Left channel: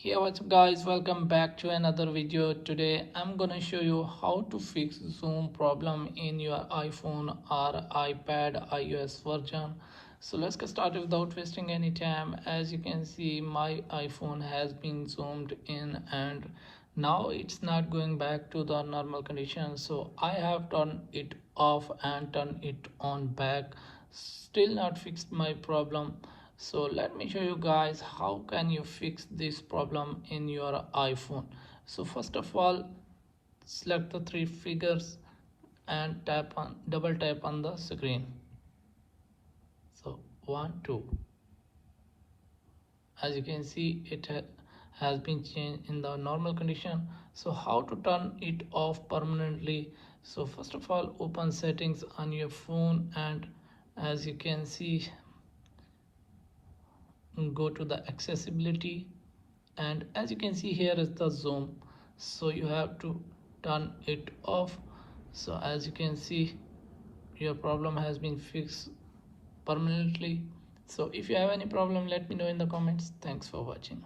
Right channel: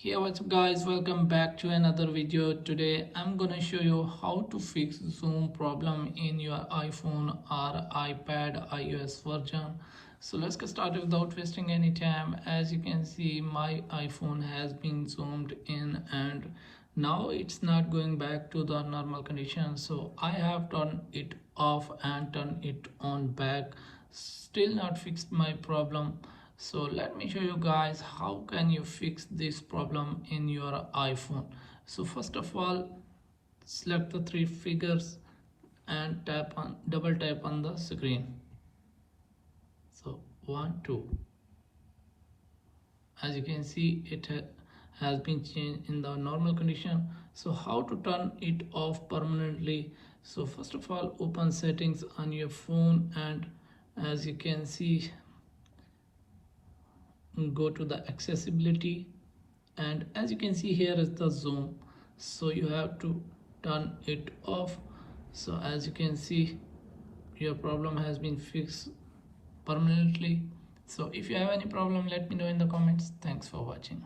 Hey, what's up guys, welcome back to another video. Today I'm gonna show you how to fix zoom problem in your iPhone or iPad iOS version. So let's get started without wasting any time. As you can see, my iPhone has been zoomed in and now it's not going back to the normal condition. So I have turned it off and turned it on back, still not fixed my problem. So let me show you guys how can you fix this problem in your iPhone. So first of all, select the three figures and double tap on the screen. So 1 2, as you can see it has been changed in the normal condition. So how to turn it off permanently? So first of all, open settings on your phone, and as you can see, go to the accessibility, and as you can see, here is the zoom. So you have to turn it off. So as you can see, your problem has been fixed permanently. So if you have any problem, let me know in the comments. Thanks for watching.